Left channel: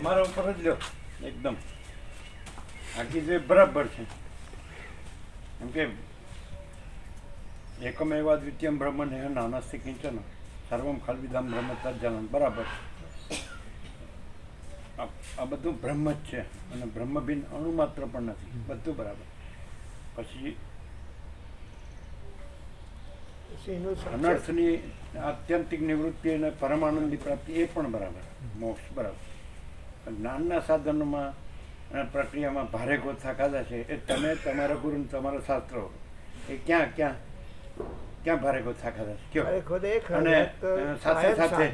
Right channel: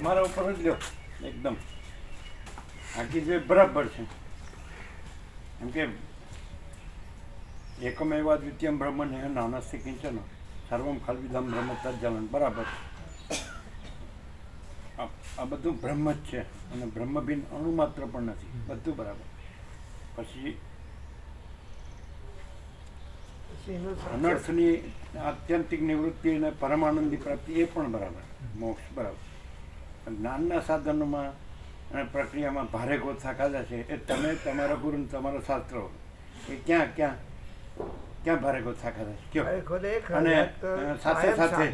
અમારા ઉપર જ લ્યો એકદમ આખી જે બરાબર છે. એમ કે એકમેવ દ્વિતીયમ બ્રહ્મ ને નાનસ્તિ કિંચન સર્વમ ખલ્વિદમ બ્રહ્મ તજ્જલન બરાબર. આ બધું બ્રહ્મ જ છે અને બ્રહ્મ બિન અણુ માત્ર પણ નથી, બધું બરાબર. પછી અનર્થની આત્યંતિક નિવૃત્તિ અને પરમાનંદની પ્રાપ્તિ એ પણ બરાબર, મોક્ષ બરાબર. જ્ઞાનના સાધનોમાં અને પ્રક્રિયામાં ભારે ગોથા ખાધા છે એ તમે તમારા ગુરુ તમારા શાસ્ત્રો એ ક્યાં ક્યાં ક્યાં ભારે ગોથા ખાધા છે કયો. અને સાથે સાથે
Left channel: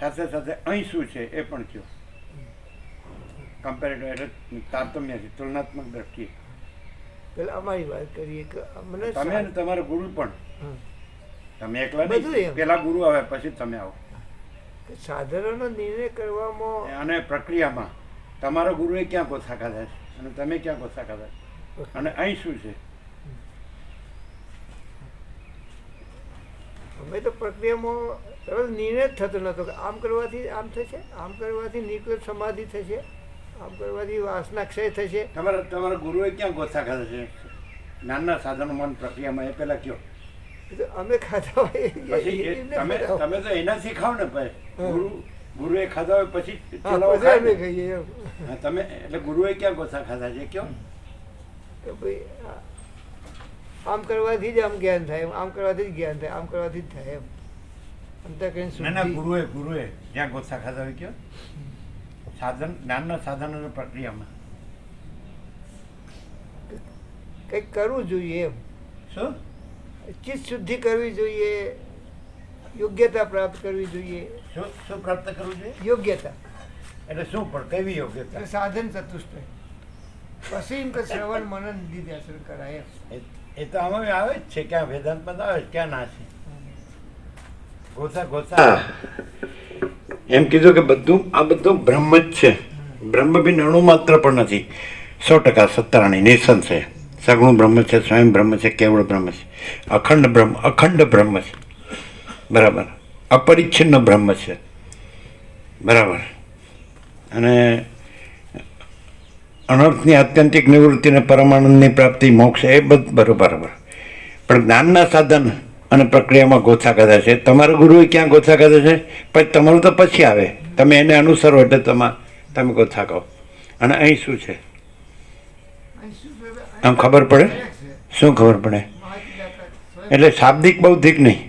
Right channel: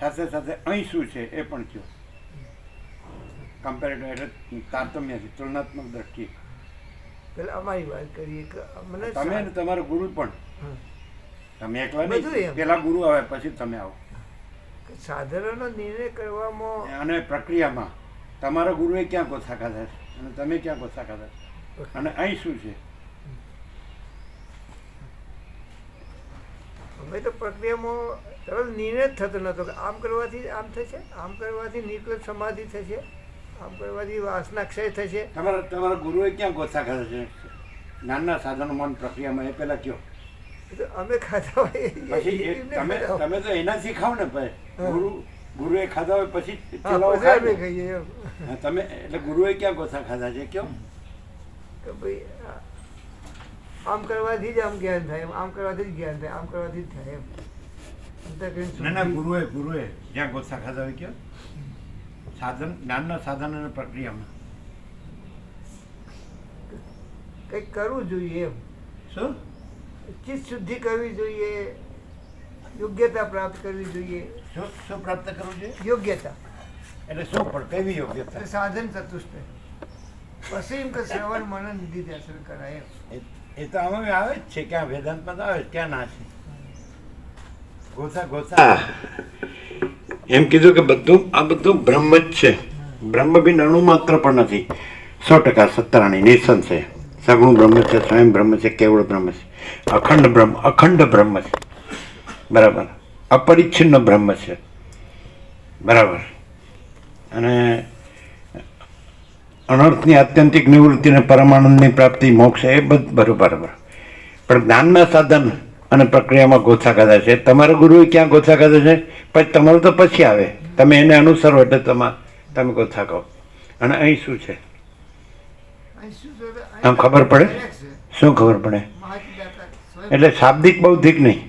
સાથે સાથે અહીં શું છે એ પણ કયો. કમ્પેરેટિવ એટલે તારતમ્યથી તુલનાત્મક દ્રષ્ટિએ અમારી વાત કરીએ કે તમે અને તમારો ગુરુ પણ તમે એકલા નહીં, પેલા ગુરુ આવે પછી તમે આવો. સાધનોનો નિર્ણય કરવામાં અને પ્રક્રિયામાં તમારા ગુરુએ ક્યાં ગોથા ખાધા છે અને તમે ક્યાં ગોથા ખાધા છે અને અહીં શું છે. અમે તો પ્રક્રિયામાં તરત નિર્ણય જ થતો નહોતો કે આમ કરવાથી આમ થશે, આમ કરવાથી નિકટ સમાધિ થશે, આમ કરવાથી વાસના ક્ષય થશે. તમારા ગુરુએ ક્યાં ગોથા ખાધા છે જ્ઞાનના સાધનોમાં પ્રક્રિયામાં એ પહેલાં કયો. અમે ખાધા હોય પછી તમે તો એનાથી ખાવ ને ભાઈ. ગુરુએ ખાધા હોય પછી તમે એટલે ગુરુએ ક્યાં ગોથા ખાધા છે કયો. તો ભાઈ આમ કરવાથી જ આમ જ્ઞાન થાય, આમ કરવાથી જ જ્ઞાન થાય, આમ કરવાથી જ થાય એમ. ના ગુરુએ જ્યાં ગોથા ખાધા હોય કયો. સાધન જ્ઞાનના સાધન અને પ્રક્રિયામાં કંઈક કરવું જોઈએ એમ. શું ચિત્ત શુદ્ધિ કરવી જોઈએ, યોગ્યતા પ્રાપ્ત કરવી જોઈએ. શું પ્રાપ્ત કરવું જોઈએ? યોગ્યતા એટલે શું પણ કેવી યોગ્યતા? સાધન ચતુષ્ટય પછી શ્રવણ મનન નિધિ દર્શન કરાય. એ તો આમાં આવે જ છે, ક્યાં વેદાંતમાં તો આવે જ, ક્યાં ના છે. ગોથા એમ કીધું કે બધું આ બધું બ્રહ્મ જ છે. બ્રહ્મ બિન અણુ માત્ર પણ નથી. 100% સત્તરાણી નિસંશય સગુણ બ્રહ્મ છે, સ્વયં બ્રહ્મ છે, કેવળ બ્રહ્મ છે, અખંડ બ્રહ્મ છે બરાબર, અપરિચ્છિન્ન બ્રહ્મ છે બરાબર. અને અનર્થની આત્યંતિક નિવૃત્તિ અને પરમાનંદની પ્રાપ્તિ મોક્ષ એ બધું બરાબર. પણ જ્ઞાનના સાધન અને પ્રક્રિયામાં ગોથા ખાધા છે. તમારા ગુરુએ ક્યાં ગોથા ખાધા છે પછી તમારું તો પછી આવે, તમે એને અનુસરો એટલે તમે ગોથા કહો. અને અહીં શું છે આમ ખબર પડે. શું ખબર પડે? એટલે શાબ્દિક બૌદ્ધિક નહીં.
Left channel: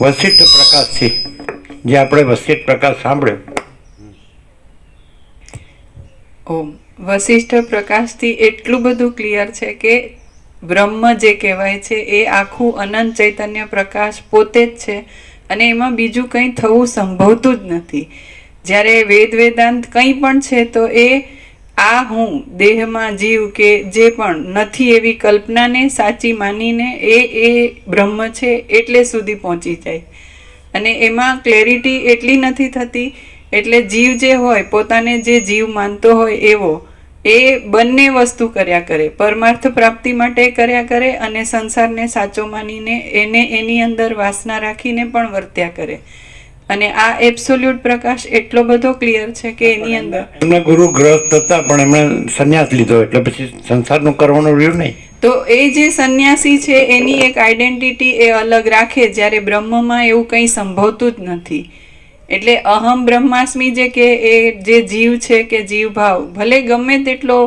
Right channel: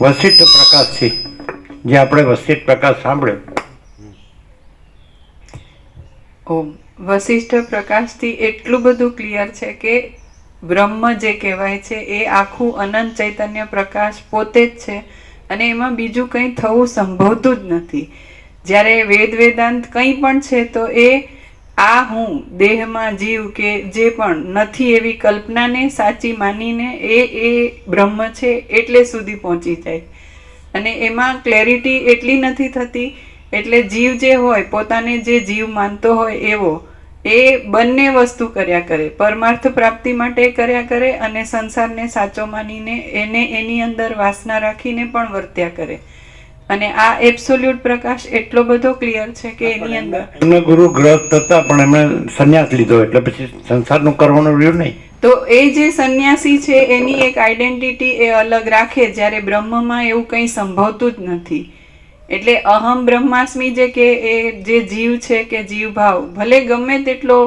વસિષ્ઠ પ્રકાશથી જે આપણે વસિષ્ઠ પ્રકાશ સાંભળ્યો. વસિષ્ઠ પ્રકાશથી એટલું બધું ક્લિયર છે કે બ્રહ્મ જે કહેવાય છે એ આખું અનંત ચૈતન્ય પ્રકાશ પોતે જ છે અને એમાં બીજું કંઈ થવું સંભવતું જ નથી. જ્યારે વેદાંત કંઈ પણ છે તો એ આ હું દેહમાં જીવ કે જે પણ નથી એવી કલ્પનાને સાચી માનીને એ બ્રહ્મ છે એટલે સુધી પહોંચી જાય. અને એમાં ક્લેરિટી એટલી નથી થતી એટલે જીવ જે હોય પોતાને જે જીવ માનતો હોય એવો એ બંને વસ્તુ કર્યા કરે, પરમાર્થ પ્રાપ્તિ માટે કર્યા કરે અને સંસારને સાચો માનીને એને એની અંદર વાસના રાખીને પણ વર્ત્યા કરે. અને આ એબ્સોલ્યુટ પ્રકાશ એટલો બધો ક્લિયર છે કે એની અંદર એમના ગુરુ ગ્રસ્ત હતા પણ એમણે સંન્યાસ લીધો એટલે પછી સંસારનું કરવાનું રહ્યું નહીં. તો એ જે સંન્યાસી છે એની એક આઈડેન્ટિટી એ અલગ રાખે, જ્યારે બ્રહ્મમાં એવું કંઈ સંભવતું જ નથી. એટલે અહમ બ્રહ્માસ્મિ જે કે એ જે જીવ છે કે જીવ ભાવ ભલે ગમે તેટલો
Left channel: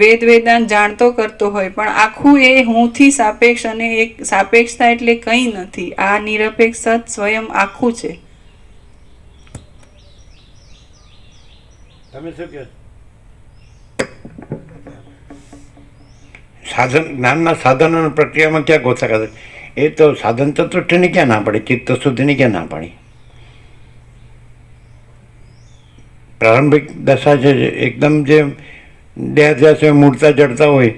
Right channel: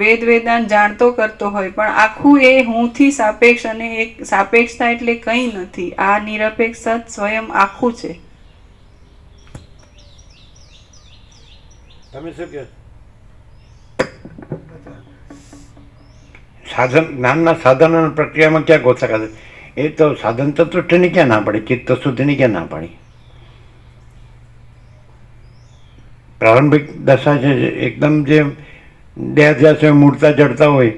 વેદાંત જાણતો કરતો હોય પણ આખું એ હુંથી સાપેક્ષ, અને એક સાપેક્ષતા એટલે કંઈ નથી. આ નિરપેક્ષ સત સ્વયં આખું છે. તમે શું કહો? સાધન જ્ઞાનના સાધન અને પ્રક્રિયામાં ક્યાં ગોથા ખાધા? એ તો સાધન ચતુષ્ટયની ક્યાં ના પાડી, ચિત્ત શુદ્ધિની ક્યાં ના પાડી? પ્રારંભિક દશા છે એકદમ જે દેહાધ્યાસ હોય, મૂળતા જડતા હોય,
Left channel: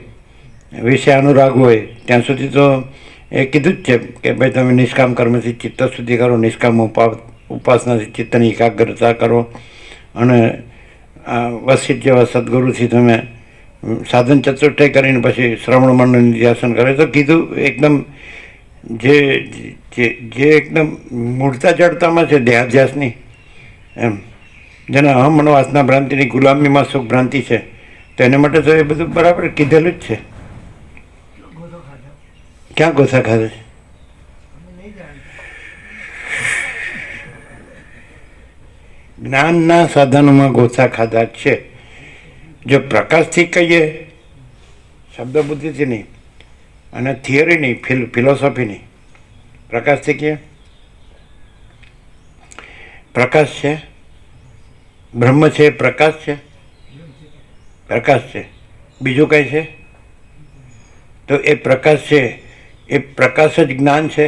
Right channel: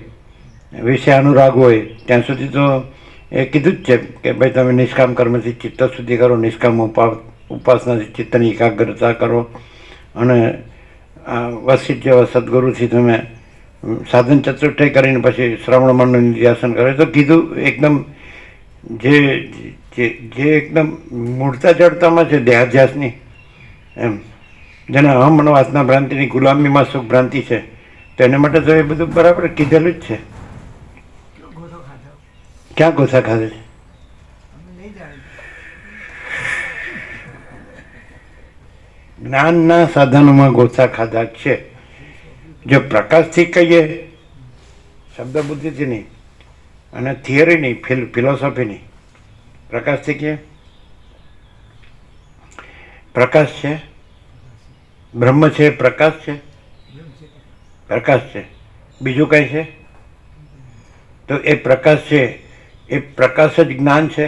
વિષય અનુરાગ હોય ત્યાં સુધી તો એ કીધું જ છે કે ભાઈ તમે નિષ્કામ કર્મથી ચિત્ત શુદ્ધિ કરો, નિષ્કામ ઉપાસનાથી ચિત્તની એકાગ્રતા કરો અને વસિષ્ઠ જેવા સદગુરુથી તમે સાધન ચતુષ્ટય કરીને પછી શ્રવણ મનન નિધ્યાસન કરે. તો કીધું એકદમ જે એકદમ મૂળતા જડતામાં છે દેહાધ્યાસની એમ જેને અહમ અને વાસના ભ્રાંતિની ગુલામીમાં સુખ ભ્રાંતિ છે, તો એને માટે તો એ બધું બરાબર કીધેલું જ છે. ગોધો ખાધો ક્યાં ગોસા ખાધે છે? અમે નહીં જાણતા. જ્ઞાનના સાધનોમાં ગોસા ખાધા જ છે. જો પ્રકાશથી કહીએ, શબ્દ બુદ્ધિથી નહીં અને થિયરી નહીં, ફિલોસોફી નહીં, પ્રકાશથી કહીએ, પ્રકાશ છે, બ્રહ્મ છે, પ્રકાશ છે, પ્રકાશ છે, બીજું કંઈ છે? તો એ પ્રકાશ છે, એ પ્રકાશ જ જ્ઞાન છે.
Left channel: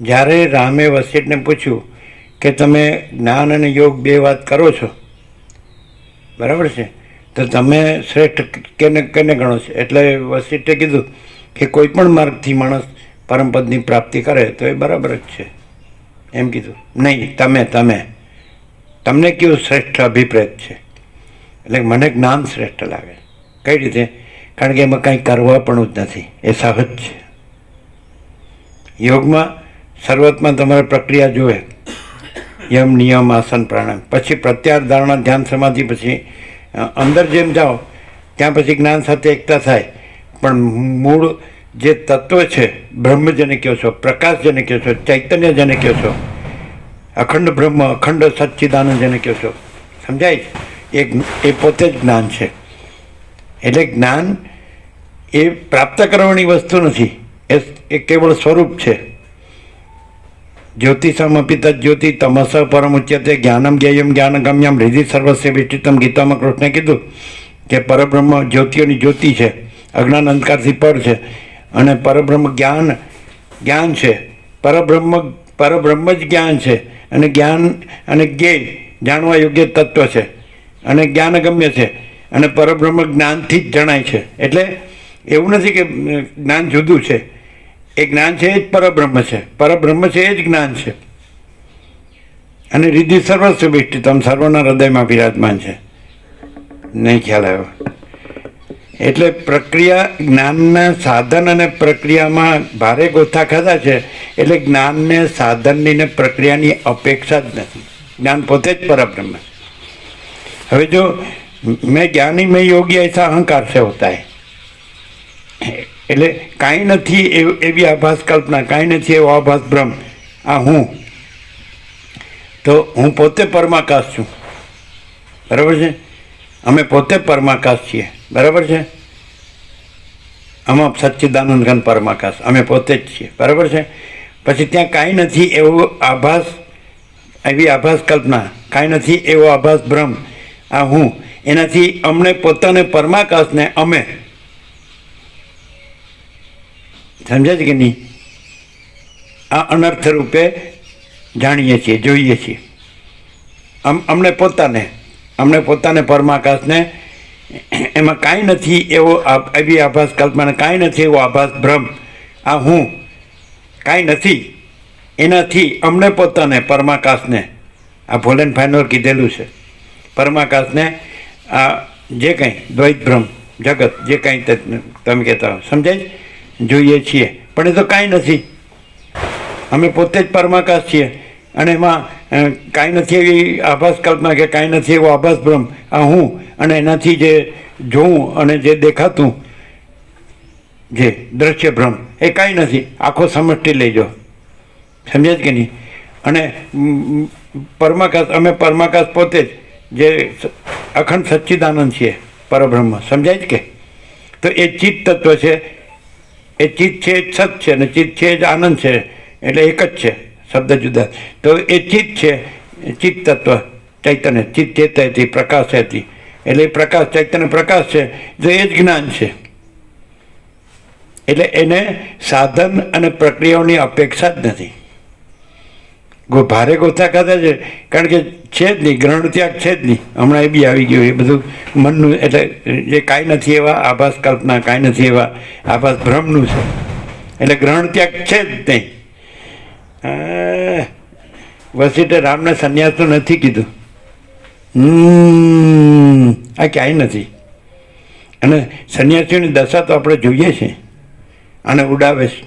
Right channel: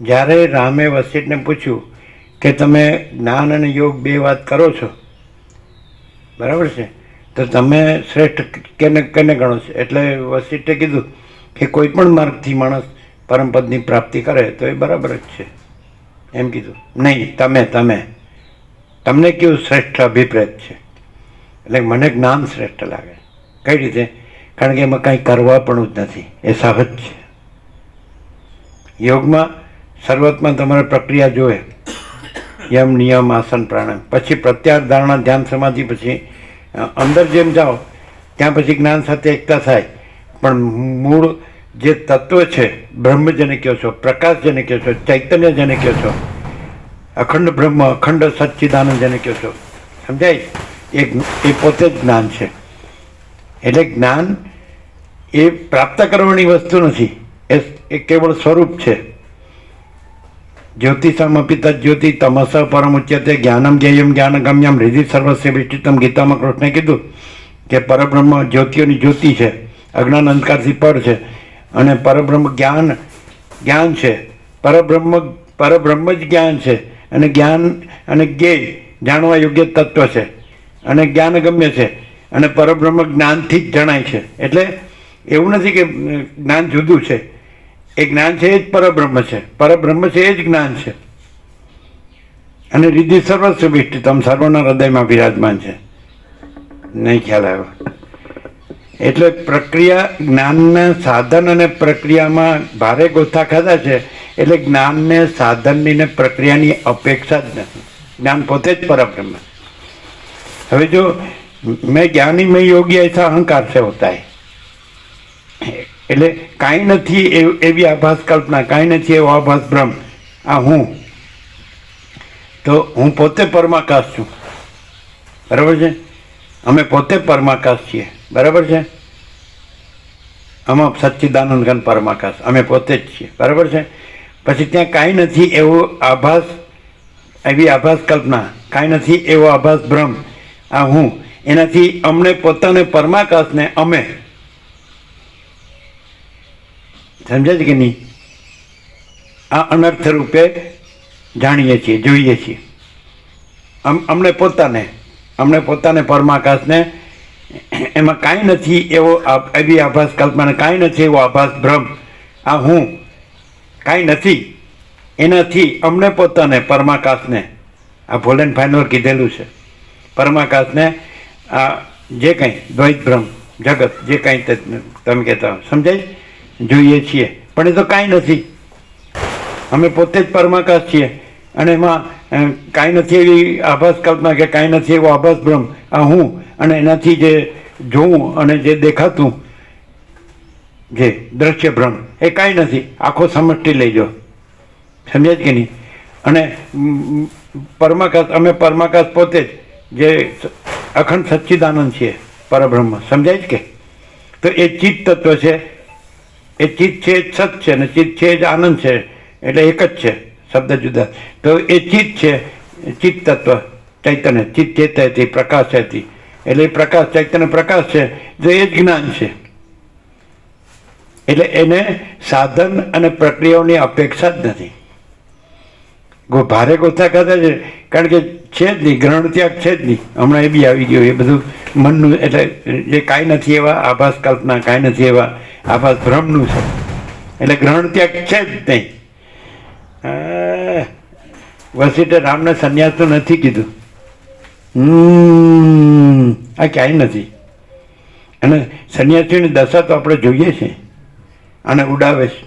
જ્યારે રામે વસિષ્ઠને પૂછ્યું કે તમે જ્ઞાન અને યોગ બે વાત કરો છો, બરાબર છે, તો તમે શ્રેષ્ઠ કેને કેને ગણો છો? એટલે વસિષ્ઠે કીધું કે કોઈ પણ માર્ગથી માણસ પરમપદની પ્રાપ્તિ કરે તો એ બરાબર જ છે, એમ કીધું. નહીં, તમને કેવું શ્રેષ્ઠ અભિપ્રેત છે? એટલે મને જ્ઞાન શ્રેષ્ઠ લાગે. કઈ રીતે? કારણ કે એમાં કાંઈ કરવા પણ જ નથી, એ સહજ છે. યોગમાં શરૂઆતમાં તમારે પ્રક્રિયા જોવે, યમ નિયમ આસન પ્રાણાયામ, પછી પ્રત્યાહાર ધારણા ધ્યાન સમાધિ, પછી અંદર જેમ જાઓ ત્યાં પછી જ્ઞાન સાથે એકતા થાય. પણ મૂળ જે તત્વ છે, બ્રહ્મ જેને કહો છો, પ્રકાશ જેને કહો છો, ચૈતન્ય જેને કહો છો, અખંડ બ્રહ્મ, અખંડ સચ્ચિદાનંદ જેને કહો છો, સમજાય? એ પોતે જ જ્ઞાન છે. એટલે જ્ઞાન એ પ્રાપ્ત કરવાની વસ્તુ નથી, એ કેવળ સ્વરૂપ છે. જ્યોતિષમપિ તજ્યોતિ તમસ પરમ ઉચ્યતે જ્ઞાનમ જ્ઞેયમ જ્ઞાનગમ્યમ હૃદિ સર્વસ્ય વિષ્ટિતમ. ગીતામાં કૃષ્ણે કીધું કે પરબ્રહ્મ જ્યોતિઓની જ્યોતિ છે, અજ્ઞાન અંધકારથી પર છે, અને પરબ્રહ્મ જ્ઞાન છે. પરબ્રહ્મ જ જ્ઞાન છે, અને જ્ઞાન અને જ્ઞેય જાણવા યોગ્ય તત્વ છે, અને જ્ઞાનગમ્ય છે, અને પરબ્રહ્મ જ્ઞાનથી જ જણાય છે. એટલે એવું નથી કે જ્ઞાન જુદું છે, એ જ્ઞાન છે એ જ પરબ્રહ્મ છે, પરબ્રહ્મ છે એ જ જ્ઞાન છે. અને હૃદય સર્વસ્વ વિષ્ટિતમ, સર્વના હૃદયમાં બિરાજમાન છે. નહીં ખ્યાલ આવ્યો? એટલે પ્રક્રિયા, જ્ઞાનના સાધન અને પ્રક્રિયામાં ભારે ગોથા ખાધા છે. એટલે જ્ઞાનને સાધનની ને પ્રક્રિયાની અપેક્ષા જ નથી. જ્ઞાન પોતે જ પરબ્રહ્મ છે. હવે જો મેં જ્ઞાની મેં યોગી ऐसा અહંકાર से होता है, એટલે કાંઈ નથી એવી આભાસ કલ્પના, કાંઈ નથી એવો આભાસ બ્રહ્મ, આ હું, તો હું પોતે પરમાકાશ છું, બરાબર છે? અમે પોતે પરમાકાશ છીએ, બરાબર છે? આમાં સચ્ચિદાનંદ ઘન પરમાકાશ અમે પોતે જ છીએ, બરાબર છે? પછી ત્યાં કાંઈ નથી એવો આભાસ, એવી આભાસ કલ્પના, કાંઈ નથી એવો આભાસ બ્રહ્મ, આ હું, એનાથી અમને પોતાને પરમાકાશને અમે, સમજાય છે કે નહીં? આ અનર્થ રૂપે જાણીએ છીએ, જોઈએ છીએ. અમને પોતાને પરમાકાશને, એમાં કાંઈ નથી એવો એવી આભાસ કલ્પના, કાંઈ નથી એવો આભાસ બ્રહ્મ, આ હું, કાંઈ નથી, એનાથી અમને પોતાને પરમાકાશને, આ ભોલેન ફાઇનોર કીધેલું છે, પરમાકાશને, આ જે કંઈ દ્વૈત બ્રહ્મ જગત જે કાંઈ તમે કહેતા હો, સમજાય? જોઈએ છીએ, પણ એ તો કાંઈ નથી. અમે પોતે જ પરમાકાશ છીએ, અને એમાં કાંઈ નથી એવી આભાસ કલ્પના કે કાંઈ નથી એવો આભાસ બ્રહ્મ, આ હું, અને એનાથી જે જોવું અને જે દેખાતું જે દ્રશ્ય ભ્રમ, એ કાંઈ નથી, આખો સમષ્ટિ લઈ જાઓ, સમજાય કે નહીં? અને પરમાકાશ, અમે પરમાકાશ પોતે જ જે અખંડ સચ્ચિદાનંદ છીએ, પરબ્રહ્મ, સમજાય જ કે? તો એ ચિત્ત તત્વ છે, એ ચિત્ત છે એ સત છે, અને ચિત્ત છે જ આનંદ છે, એટલે એક જ છે, શબ્દ જુદા. તો એ ચિત્ત છે, ચિત્ત તત્વ ચૈતન્ય, ચિત્ત ચેતયતી પ્રકાશ હતી, એટલે એ પ્રકાશ ચૈતન્ય પ્રકાશ છે, તો એ જ જ્ઞાન છે. એટલે એને સાધન અને પ્રક્રિયાઓની અપેક્ષા જ નથી. ભારે ગોથા ખાધા છે, કારણ કે છે જ નહીં, ગ્રહણ ત્યાગ છે જ નહીં. હમણાં એ બી આવી ગયું, એ બધું મનનું, એટલે જે કાંઈ નથી એવા આભાસ કલ્પના, કાંઈ નથી એવા આભાસ ભ્રમનું છે, એટલે ગ્રહણ ત્યાગ છે જ નહીં. વસિષ્ઠે રામને સંન્યાસનું નથી કીધું, આ ક્યાંય નથી. અને સંન્યાસીઓની દશા તો આપણે જોઈએ છીએ, અને ઉડાવે છે.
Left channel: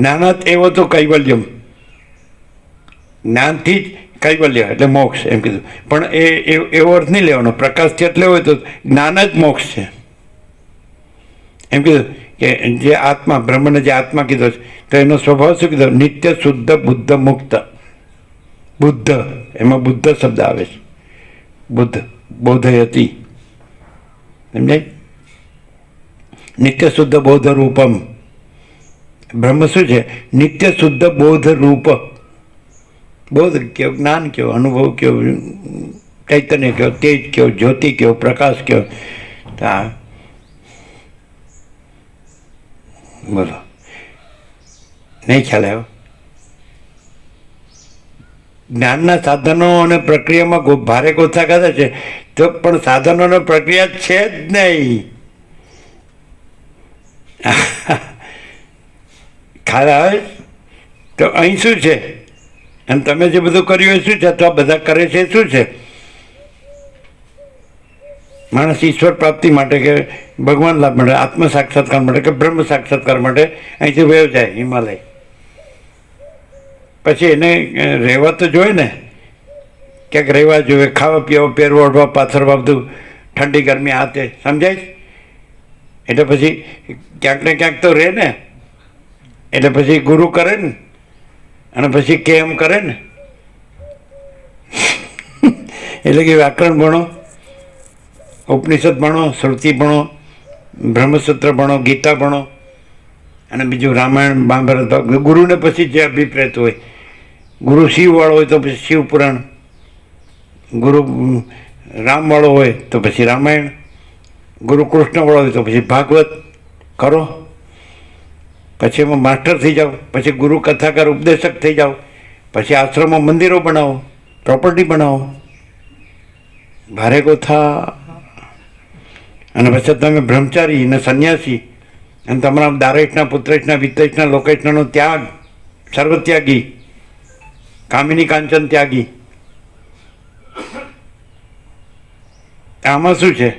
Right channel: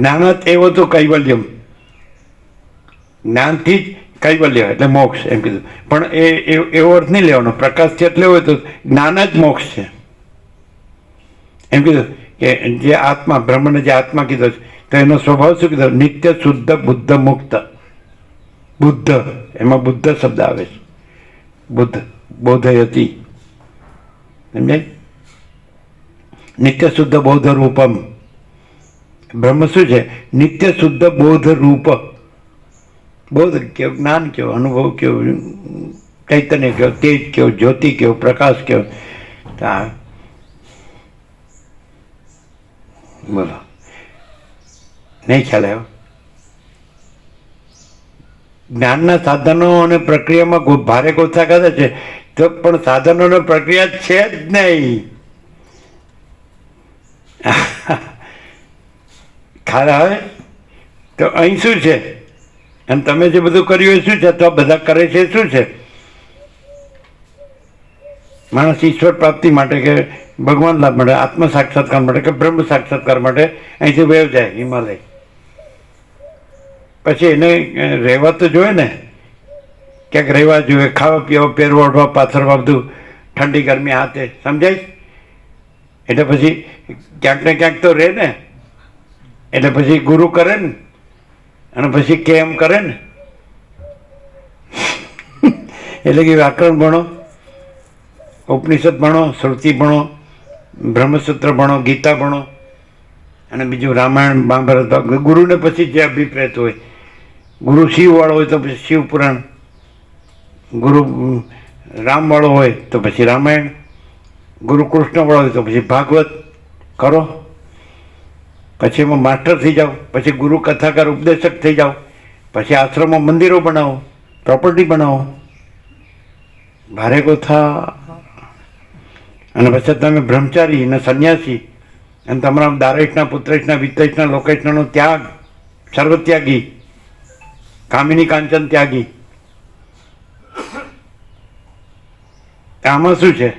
જ્ઞાનાત એવો તો કૈવલ્યમ, જ્ઞાનથી જ કૈવલ્ય એટલે મોક્ષ એમ કીધું. પણ એવો અર્થ નહીં લેવાનો. પ્રકાશથી એટલે હોય તો જ્ઞાન જ મોક્ષ છે એમ કીધું. કે જે આત્મા, બ્રહ્મને જે આત્મા કીધો છે, તો એનો સ્વભાવ શું કીધો? નિત્ય શુદ્ધ બુદ્ધ મુક્ત. બુદ્ધ, એમાં બુદ્ધ શબ્દ આવે છે. બુદ્ધ, બોધયતી, સમજાય? નિત્ય શુદ્ધ બોધ રૂપમ. બ્રહ્મ શું છે? નિત્ય શુદ્ધ બોધ રૂપ. બોધ કયો, જ્ઞાન કયો, અનુભવ કયો, ચૈતન્ય કયો, તેજ કયો, જ્યોતિ કયો, પ્રકાશ કયો. બોલો, નહીં ખ્યાલ આવ્યો? જ્ઞાનના સાધનો અને પ્રક્રિયામાં ભારે ગોથા ખાધા છે, તો પણ સાધનો અને પ્રક્રિયા છે જ નહીં. ખ્યાલ આવે? તો અહીં શું છે? અને તમે જે બધું કર્યું એ શું છે? તો બધા કરે છે શું છે? માણસ ઈશ્વર પ્રાપ્તિ માટે કે ભગવાન લાભ માટે, આત્મ સાક્ષાત્કાર માટે કે બ્રહ્મ સાક્ષાત્કાર માટે અહીંથી વયો જાય હિમાલય. પછી એને રહેવા તો જોઈએ ને, ક્યાંક રહેવા જોઈએ, ખાવા પીવા, પહેરવા, ઓઢવા, પાથરવા, બધું ઠંડી ગરમી હાથે, સમજાય? એટલે પછી ક્યાંક ને ક્યાંક તો રહે ને. એટલે પછી ગુરુ કરે ને, અને પછી કેમ કરે ને. એટલે કે વ્યાકરણ ભણો, ઉપનિષદ ભણો, શ્રુતિ ભણો, બ્રહ્મસૂત્ર ભણો, ગીતા ભણો, અને બીજું રામાયણ, મહાભારત. ગુરુને પછી જે અભિપ્રેત હોય, ગુરુ શિવવાળો હોય તો પછી શિવ પુરાણ, ગુરુ રામવાળો હોય તો પછી રામાયણ, ગુરુ કૃષ્ણવાળો હોય તો પછી ભાગવત કરો. પછી એમાં માસ્ટર થઈ જાઓ, પછી ગુરુ કથાકાર ઉપદેશક થઈ જાઓ, પછી આશ્રમમાં મંદિરો બનાવો, પ્રોપર્ટી બનાવો. ભારે ગોથા. અને પછી તમે બ્રહ્મચારી અને સંન્યાસી, અને તમારા દારેશના, પુત્રેશના, વિત્તેશના, લોકેશનો ત્યાગ, સર્વત્યાગી, કામિની કાંચન ત્યાગી. આમાં શું છે?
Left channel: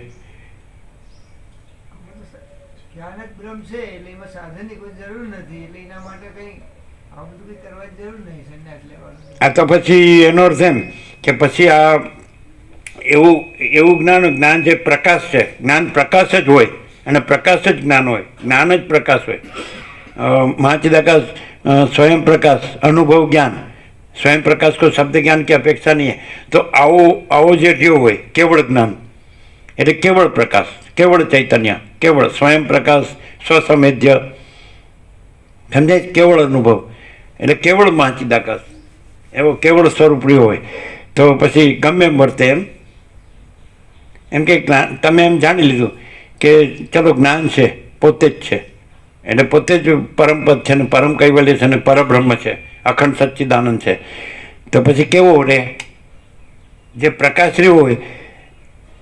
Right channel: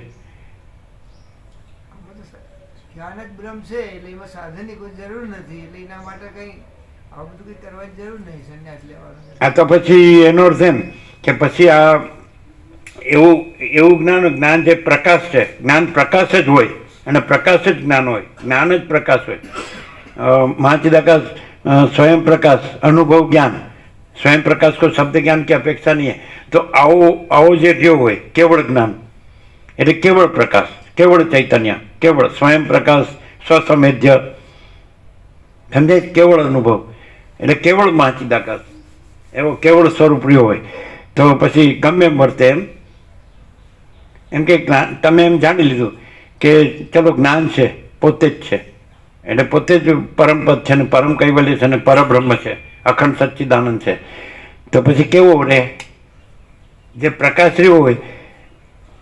જ્ઞાન જ બ્રહ્મ છે, એટલે એમાં સાધનની કોઈ જરૂર નથી. એટલે એના માટે કંઈ આ બધું કંઈ કરવાની જરૂર નહીં સંન્યાસ લેવાનું. આ તો પછી એનો અર્થ એમ કે પછી આ એવું જ્ઞાન જે પ્રકાશ છે, જ્ઞાન પ્રકાશ જ હોય, અને પ્રકાશ જ જ્ઞાન હોય, જ્ઞાન જ પ્રકાશ હોય. महाचिदाकाश स्वयं प्रकाश अनुभव ज्ञान स्वयं प्रकाश को शब्द ज्ञान की अपेक्षा नहीं है। तो आओ आओ जो जो हो केवल ज्ञान એટલે કેવળ પ્રકાશ, કેવળ ચૈતન્ય, કેવળ સ્વયં પ્રકાશ, સ્વસમેધ્ય, સમજાય? કેવળ અનુભવ એટલે કેવળ મહાચિદાકાશ, એવો કેવળ સ્વરૂપ રહ્યો હોય તો પછી ગમે એમ વર્તે એમ કે તમે એમ જાણી લીધું કે ચલો જ્ઞાન છે, પોતે જ છે, એટલે પોતે જ પરમપદ છે ને પરમ કૈવલ્ય છે ને પરબ્રહ્મ છે, અખંડ સચ્ચિદાનંદ છે. તો પછી કેવો રહે? જે પ્રકાશ રહ્યો હોય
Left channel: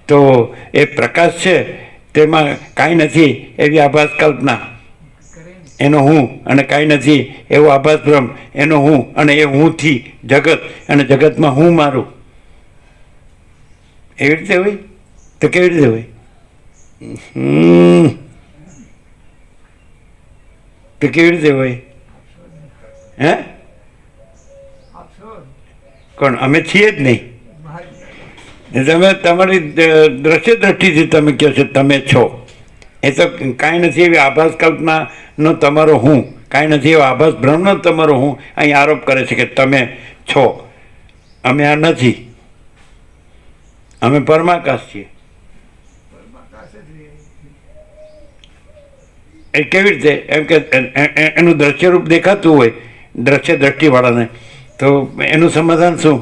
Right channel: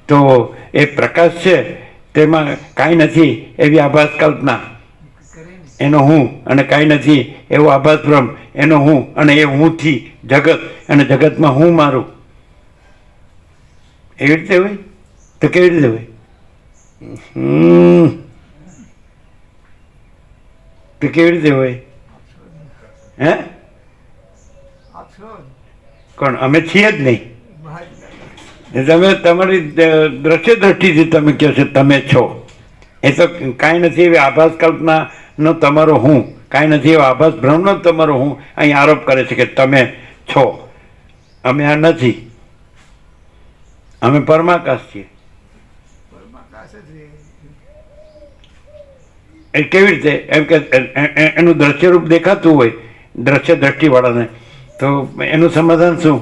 તો એ પ્રકાશ છે તેમાં કાંઈ નથી એવી આભાસ કલ્પના, એનો હું, અને કાંઈ નથી એવો આભાસ બ્રહ્મ, એનો હું, અને એ હુંથી જગત, અને જગતમાં હું મારું. એવી રીતે હોય તો કેવી રીતે હોય? તો કેવી રીતે હોય? હે? કોણ? અમે છીએ જ નહીં. તમે તમારી દ્રશ્ય દ્રષ્ટિથી તમે કહો છો તમે છો, એ તો કાંઈ નથી એવી આભાસ કલ્પનાનો તમારો હું, કાંઈ નથી એવો આભાસ બ્રહ્મનો તમારો હું અહીં આરોપ કરે છે કે તમે છો. અમે આ નથી, અમે પરમાકાશ છીએ. એ કેવી રીતે? એમ કે એનું દ્રશ્યરૂપ દેખાતું હોય દ્રશ્ય દ્રષ્ટિવાળાને, તો એનું સમાધાન શું?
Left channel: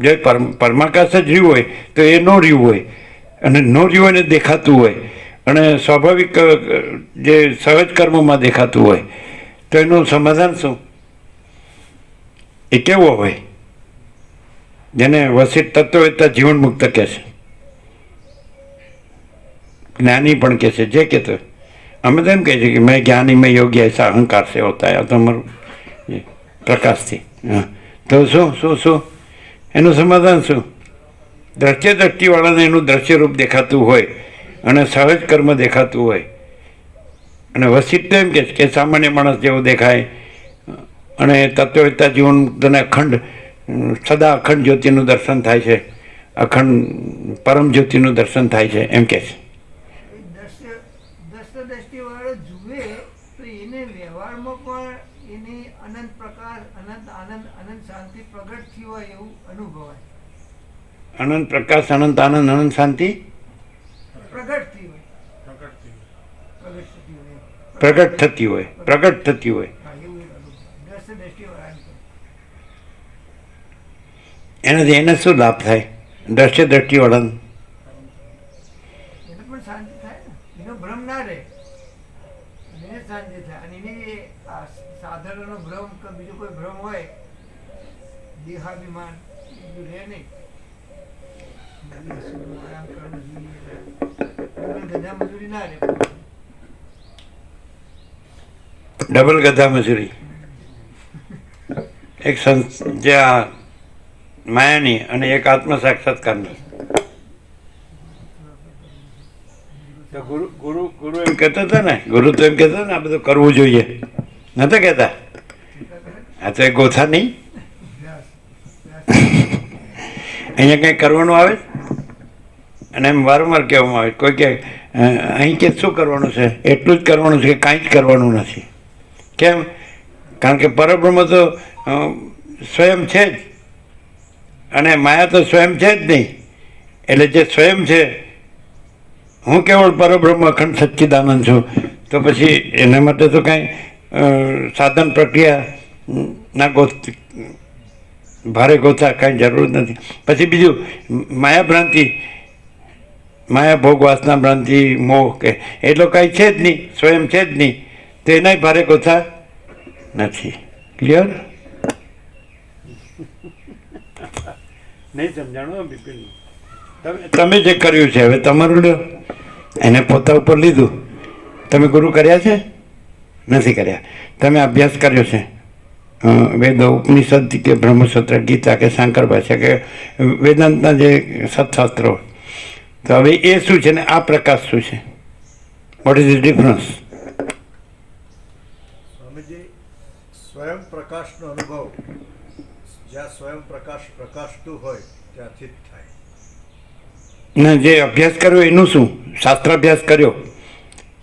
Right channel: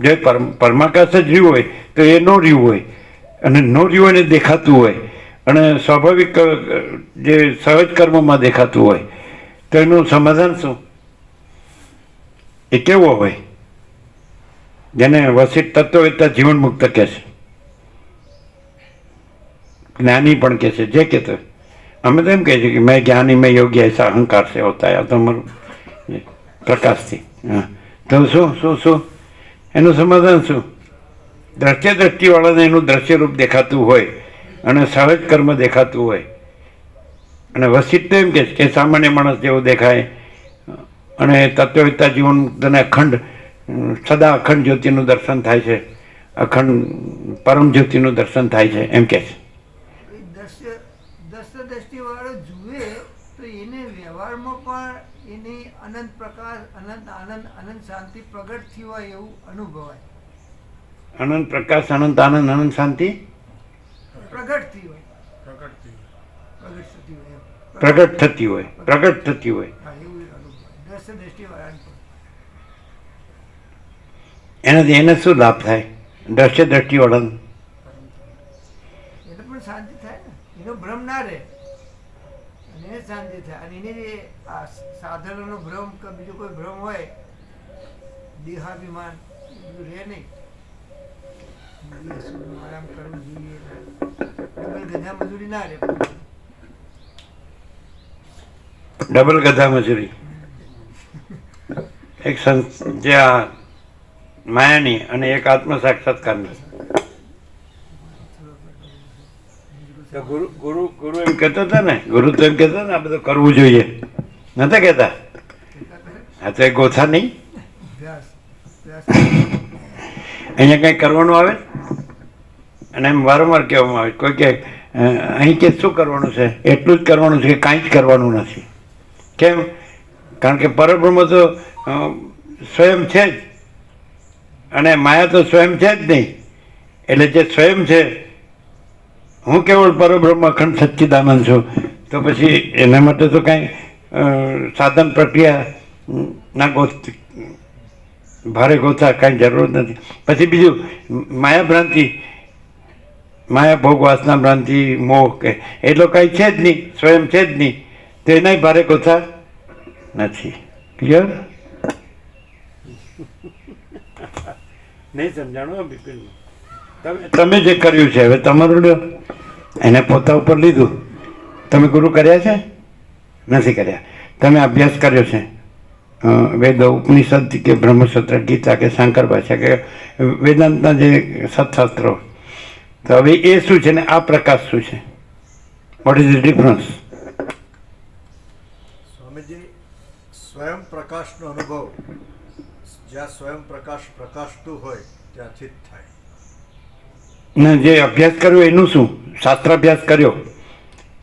જો પરમાકાશ જ રહ્યું હોય તો એ ન રહ્યું હોય, અને ન રહ્યું હોય ને દેખાતું હોય, અને સ્વાભાવિક જે સહજ કર્મોમાં દેખાતું હોય, તો એનું સમાધાન શું? એ કેવો હોય? જેને વસિત તત્વવેત્તા જીવન મુક્ત કહે છે, જ્ઞાની પણ કહે છે, જે કહેતો. અમે તો એમ કહે છે કે મેં જ્ઞાની મેં યોગ્ય એસા અહંકાર से होता है. તમારું પ્રકાશથી. હા, તો શું શું શું એનું સમાધાન શું? દ્રશ્ય દ્રષ્ટિવાળાને એનું દ્રશ્યરૂપ દેખાતું હોય અને સહજ કર્મ દેખાતું હોય, અને વસિત તો એમ કે સામાન્ય માણસ જેવું દેખાય, અને તત્વવેત્તા જીવન મુક્તને અખંડ સદા અખંડ જ્યોતિનું દર્શન થાય છે, અખંડ પરમ જ્યોતિનું દર્શન થાય છે એમ કહે છે. દર્શ દ્રષ્ટિવાળો જુએ તો એને વ્યવહારમાં પણ એની અનંત પ્રકાશ, અનંત આનંદ, અનંત શાંતિ પ્રગટ થઈ હોય એવું અનુભવાય. અનંત પ્રકાશ, અનંત આનંદ, અનંત શાંતિ પ્રગટ થઈ હોય, પ્રગટ થતી હોય, પ્રગટ થતી હોય. હા, એવું અનુભવ દર્શ દ્રષ્ટિવાળાને પણ. એનાથી એને શું લાભ થાય દ્રશ્ય દ્રષ્ટિવાળાને? એને પણ શાંતિ થાય ને, એનો ભ્રમ ના રહે અને એને શાંતિ થાય. અને એને જે આ સાધનોનો ભ્રમ કે બીજો કોઈ ભ્રમ હોય, દેહાભિમાન, એ બધું રહે નહીં. આરામ કરવું જોઈએ, ગધા મજૂરી ના રહે. ડબલ ગધા મજૂરી. એક જે આ માયાની અને એક આત્મ સાક્ષાત્કારની. તો ગુરુ એમ કહેતા હતા ને, ગુરુ તો એમ કહેતા ને આ બધું કરવું જોઈએ, નતા કહેતા? આ તો એ ગોથા નહીં. અહીંયા કંઈ કરવાનું આવે અને એમ વારંવાર કહેવામાં આવે, કોઈ કે અહીં કે શું કરવાનું છે, એટલું જ કરવાનું છે કે કાંઈ જ કરવાનું નથી. કેમ? કારણ કે પરબ્રહ્મ તો સ્વયં છે જ અને માયા તો સ્વયં છે જ નહીં. એટલે જે સ્વયં છે, હું કેવળ પરબ્રહ્મ અખંડ સચ્ચિદાનંદ છું, તો પછી એના માટે તો કાંઈ સાધન પ્રક્રિયા ના ભારે ગોતા કાંઈ જરૂર નથી. પછી બીજું માયા ભ્રાંતિ, માયા ભોગ વાસના ભ્રાંતિ, મોહ કે એટલો કાંઈ છે જ નહીં, સ્વયં છે જ નહીં, તો એનાય ભારે ગોતા નથી. ક્લિયર? નહીં સમજાણું બિપિન? તમે જે કર્યું છે હવે તમારું લ્યો, એને પોતા ઉપર લીધું. તમે ગુરુ કર્યા છે? નથી કર્યા. તમે અભ્યાસ કર્યો છે વેદો, ઉપનિષદ કે બ્રહ્મસૂત્ર, ગીતા કે શંકર ભાષા કે વેદાંતના જે સત્શાસ્ત્રો. તો હવે એ શું છે ને આ પ્રકાશ શું છે? What is the difference? Swamiji, સ્વયં પ્રકાશનો અનુભવ જ્યાં સ્વયં પ્રકાશ પ્રકાશતું હોય ત્યાંથી જ થાય. ને જે અભ્યાસ કર્યો એનું શું? શાસ્ત્ર અભ્યાસ કર્યો,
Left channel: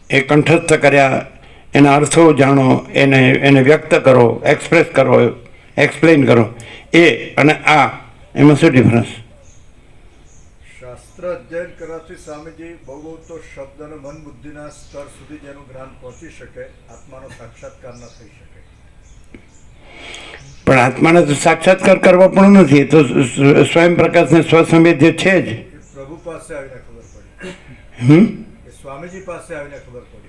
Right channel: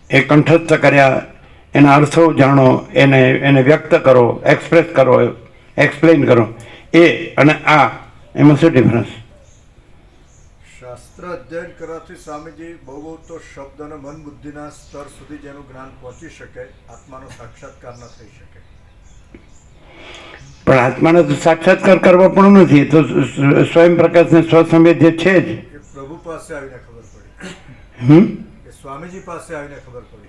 એ કંઠસ્થ કર્યા, એના અર્થો જાણો, એને વ્યક્ત કરો, એક્સપ્રેસ કરો, એક્સપ્લેન કરો, એ અને આ એમાં શું ડિફરન્સ? શાસ્ત્ર અધ્યયન કરવાથી સ્વામીજી બહુ તો શબ્દ અને મન બુદ્ધિના સ્તર સુધી જેનું જ્ઞાન પહોંચી શકે, આત્માનો સાક્ષાત્કાર ન થઈ શકે. પણ આત્માને તો સાક્ષાત્કાર કરવા પણ નથી, તો સ્વયં પ્રકાશને સ્વસંવેદ જે છે જ. એ પ્રભુ પાસે આવીને ખબર પડી, એ સ્વામીજી પાસે આવીને ખબર પડી.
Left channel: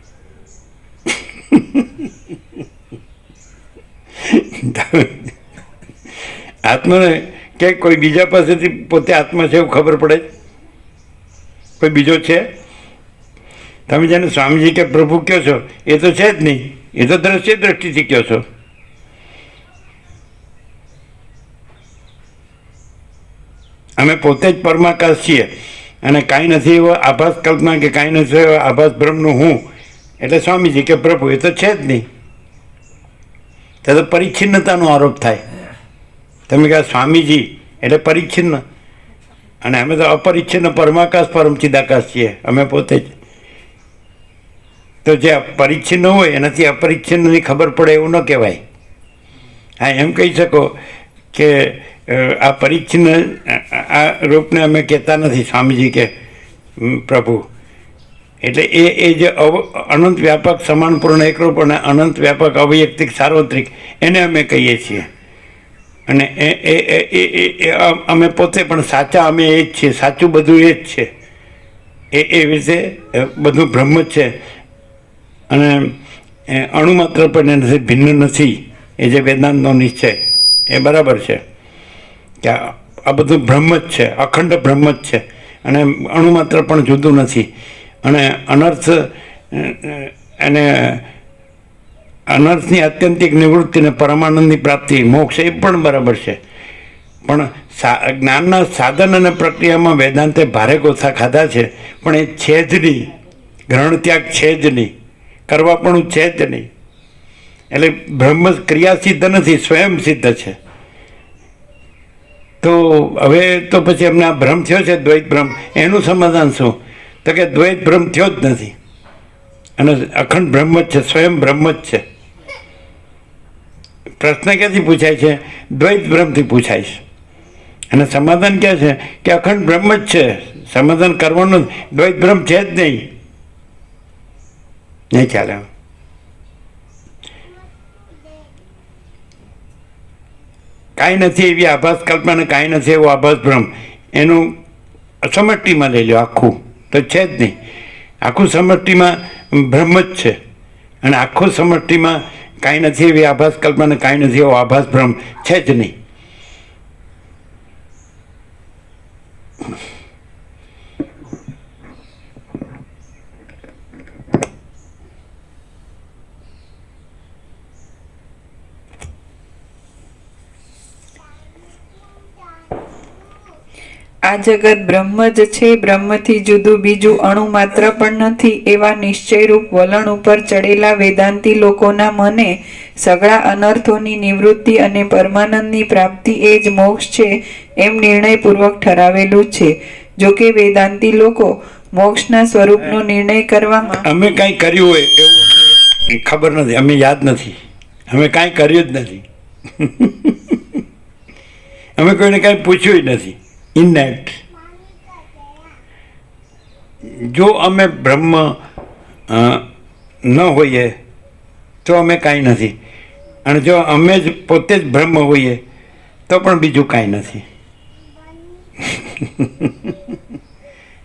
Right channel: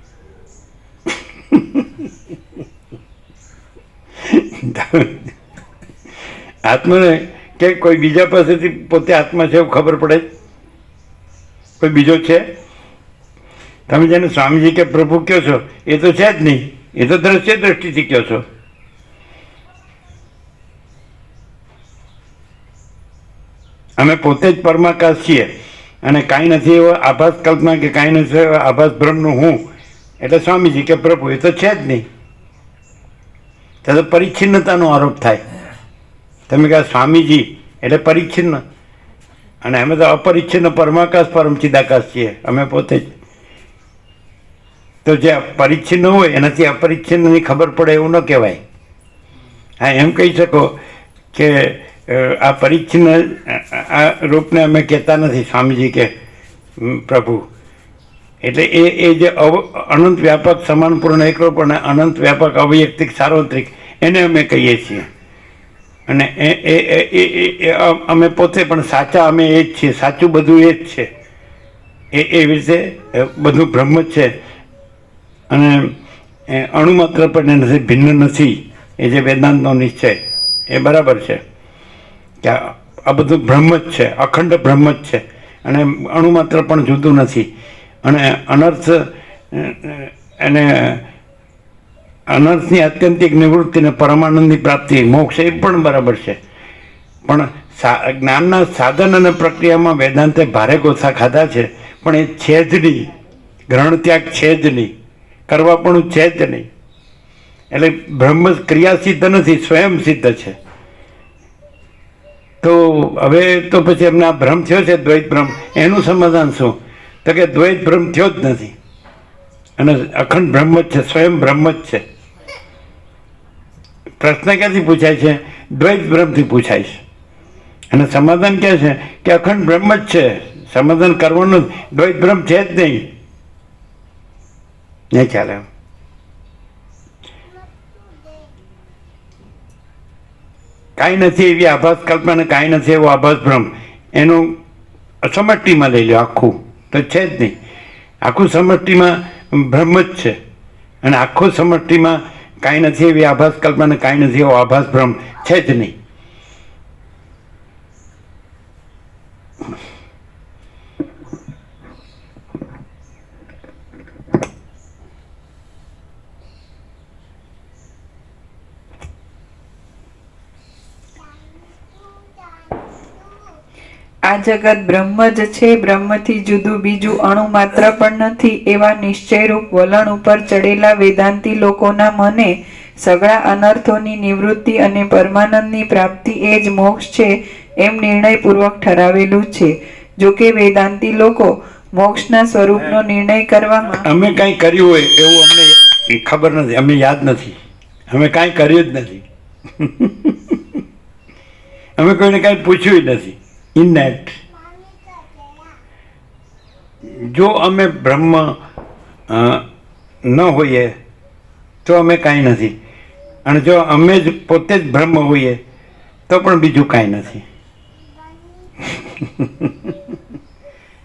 આત્માને કે કોઈ બીજા પાસેથી પોતે આત્મા છે એવું ખબર પડે? કોઈ બીજો છે? તમે જેને સ્વામીજી કે પ્રભુ કહો છો એ તો છે જ નહીં, એ તો દ્રશ્ય દ્રષ્ટિથી કહો છો. અમે પોતે જ પરમાકાશ છીએ અને કાંઈ નથી એવો આભાસ કલ્પના કે કાંઈ નથી એવો આભાસ બ્રહ્મનું હું એટલે સ્વામીજી કે પ્રભુ, એ તો છે જ નહીં. તો પરિચ્છિન્નતાનો આરોપ થાય. તમે કહો સ્વામીજી એટલે પરિચ્છિન્ન, અને અમે તો અપરિચ્છિન્ન પરમાકાશ પરમ ચિદાકાશ છીએ અમે પોતે જ. તો જે પરિચ્છિન્ન હોય એનાથી અપરિચ્છિન્નની ખબર પડે એવું ન કહેવાય. હા, એમ કહી શકો કે આ પરિચ્છિન્ન આ રૂપને અમે કહેતા નથી સ્વામીજી કે પ્રભુ, એટલે એ જે અનંત વ્યાપક સમાનપૂર્ણ એકરૂપ અને અનંત વ્યાપક અવૈયક્તિક સાર્વત્રિક એને અમે કહીએ છીએ. અને એ અમે પોતે પણ સાચા અમે એ જ છીએ, સાચું બધું એ જ છે. એ રીતે બધું બ્રહ્મ જ છે અને અણુ માત્ર પણ નથી, ભિન્ન નથી. એ જે વેદાંતનો નિશ્ચય એ બરાબર છે કે આ બધું બ્રહ્મ જ છે, અખંડ બ્રહ્મ જ છે અને અણુ માત્ર પણ જુદું નથી. અને અનર્થની આત્યંતિક નિવૃત્તિને પરમાનંદની પ્રાપ્તિ, મોક્ષ એ પણ બરાબર છે. પણ જ્ઞાનના સાધન અને પ્રક્રિયામાં વેદાંતે ભારે ગોથા ખાધા છે, પણ એ છે જ નહીં. ગ્રહણ ત્યાગ છે જ નહીં, કરવા પણ છે જ નહીં. એટલે બ્રહ્મ ક્રિયા સિદ્ધ નથી, સ્વયં સિદ્ધ છે. તો હવે તો પછી એમને આ ભ્રમ થયો છે દ્વૈત ભ્રમ, એનું સમાધાન શું? તો કે દ્વૈત ભ્રમ થયો જ નથી અને અખંડ બ્રહ્મ જ છે, સ્વયં બ્રહ્મ જ છે. પ્રશ્ન ક્યાંથી પૂછાય છે? દ્વૈત ભ્રમથી પૂછાય છે. અને સમાધાન ક્યાં છે? કે અખંડ બ્રહ્મ જ છે. સમાધાન કરવાનું દ્વૈત ભ્રમ છે જ નહીં ચાલે. કાંઈ નથી એવી આભાસ કલ્પના અને કાંઈ નથી એવો આભાસ ભ્રમ, એનું સમષ્ટિમાં લઈ લો આખું, તો છે જ નહીં. આખું સમષ્ટિમાં બ્રહ્મ જ છે અને આખું સમષ્ટિમાં કાંઈ નથી એવી આભાસ કલ્પના અને કાંઈ નથી એવો આભાસ ભ્રમ છે જ નહીં. આ જગત બ્રહ્મ જ છે, બ્રહ્મથી જુદું બીજું અણુ માત્ર પણ નથી, એવા નિશ્ચયરૂપ વલણ ઉપર ચડેલા વેદાંતી લોકોના મને સગળા અનર્થોની નિવૃત્તિ અને પરમાનંદની પ્રાપ્તિ એ જ મોક્ષ છે એમ નિર્ણયપૂર્વક ઠરાવેલું છે. જો કે વેદાંતી લોકો મોક્ષના સ્વરૂપનો નિર્ણય કરવામાં અમે કાંઈ કર્યું હોય એવું અમને ખબર નથી, અમે યાદ નથી, અમે કાંઈ કર્યું જ નથી. અમે કોઈને કાંઈ પૂછ્યું નથી. ઇનેટ જો અમે બ્રહ્મ ન હોઈએ તો અમે કાંઈ નથી, અને જો અમે જ પોતે જ બ્રહ્મ હોઈએ તો પણ બીજું કાંઈ નથી.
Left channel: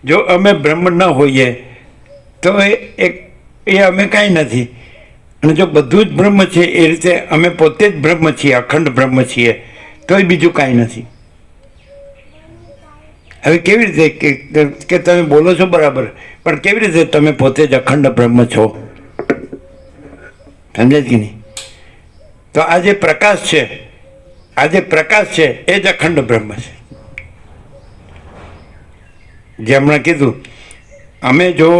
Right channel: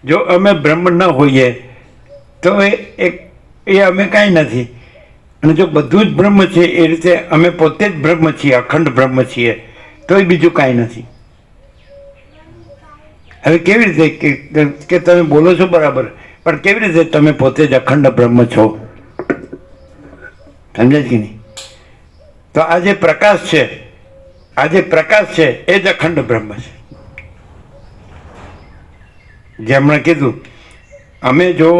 જો અમે બ્રહ્મ ન હોઈએ તો એ અમે કાંઈ નથી, અને જો બધું જ બ્રહ્મ છે એ રીતે અમે પોતે જ બ્રહ્મ છીએ, અખંડ બ્રહ્મ છીએ, તોય બીજું કાંઈ નથી. હવે કેવી રીતે કે તમે બોલો છો બરાબર, પણ કેવી રીતે તમે પોતે જ અખંડ બ્રહ્મ છો? સમજાય કે નહીં? તો આ જે પ્રકાશ છે, આ જે પ્રકાશ છે એ જ અખંડ બ્રહ્મ છે. જે હમણાં કીધું, અમે જો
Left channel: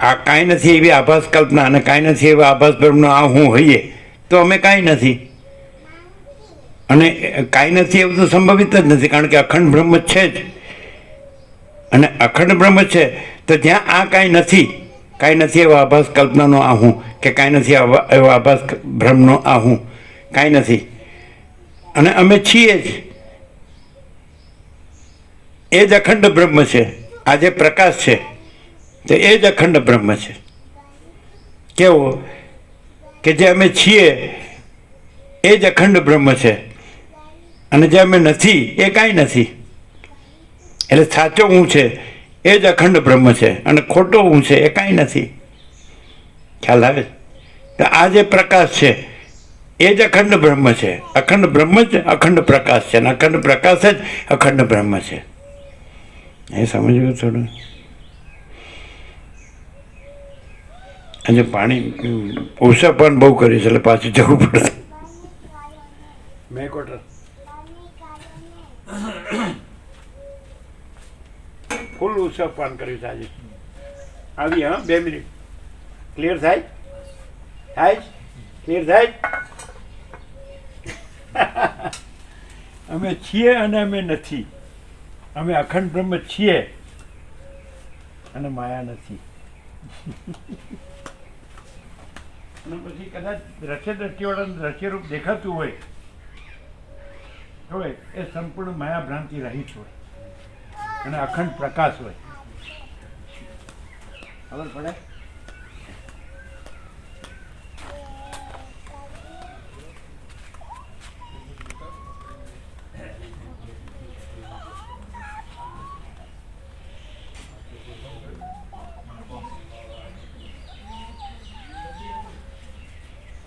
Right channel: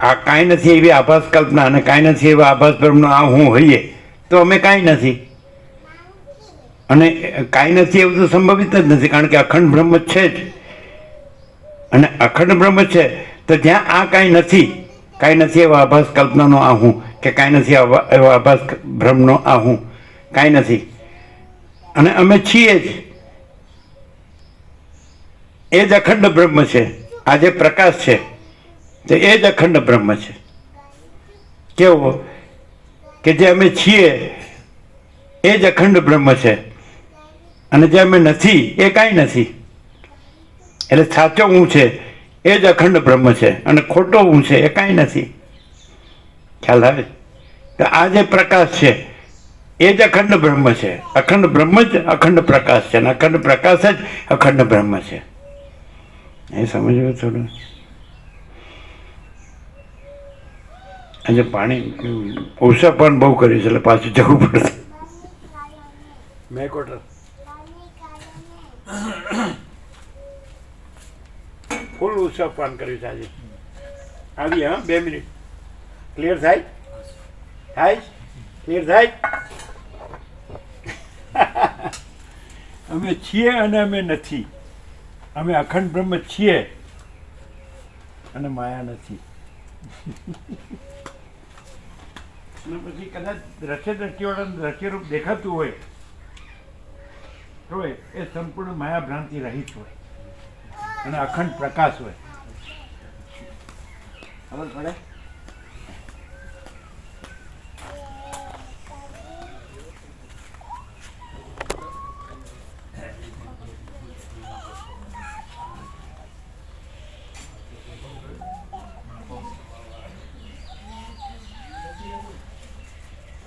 આ કાંઈ નથી એવી આભાસ કલ્પના અને કાંઈ નથી એવા આભાસ બ્રહ્મનો આ હું હોઈએ તો અમે કાંઈ નથી, અને કાંઈ નથી એવું તો સંભવિત જ નથી, કારણ કે અખંડ બ્રહ્મ છે જ. અને અખંડ બ્રહ્મ છે તો જ્યાં આ કાંઈ નથી એવો આભાસ કલ્પનાનો આ હું, કે કાંઈ નથી એવો આભાસ બ્રહ્મનો આ હું, કાંઈ નથી, અને અમે છીએ જ. એ જ અખંડ બ્રહ્મ છે. આ જે પ્રકાશ છે તો એ જ અખંડ બ્રહ્મ છે. કેવો? કે જે અમે છીએ એ જ અખંડ બ્રહ્મ છે, અને જે અમે નથી એ કાંઈ નથી. એટલે સાચો હું છે એ જ અખંડ બ્રહ્મ છે, અને ખોટો હું છે એ કાંઈ નથી. ખ્યાલ આવે? તો આ જે પ્રકાશ છે એ જ અખંડ બ્રહ્મ છે. અખંડ બ્રહ્મ જ અખંડ પ્રકાશ છે, અને અખંડ પ્રકાશ જ અખંડ બ્રહ્મ છે. એ સમજવું થોડું. આજે પાણી ઓછા પણ બહુ કર્યું છે એટલે પાછું જવું પડશે. મેં કોટર ફૂલ ઉત્સવ પાન કર્યું છે આજે. આવી 2 મિનિટ ક્લિયર થાય ક્લિયર થાય. અમે છીએ અને અમે નથી. અમે અખંડ બ્રહ્મ છીએ અને માયા નથી. અને પછી કદાચ દ્રશ્યવાળાનું દ્રશ્યરૂપ દેખાતું હોય તો એ સંપૂર્ણ માયા ભ્રાંતિ રહિત હોય અને અખંડ પ્રકાશ હોય. ખબર પડે?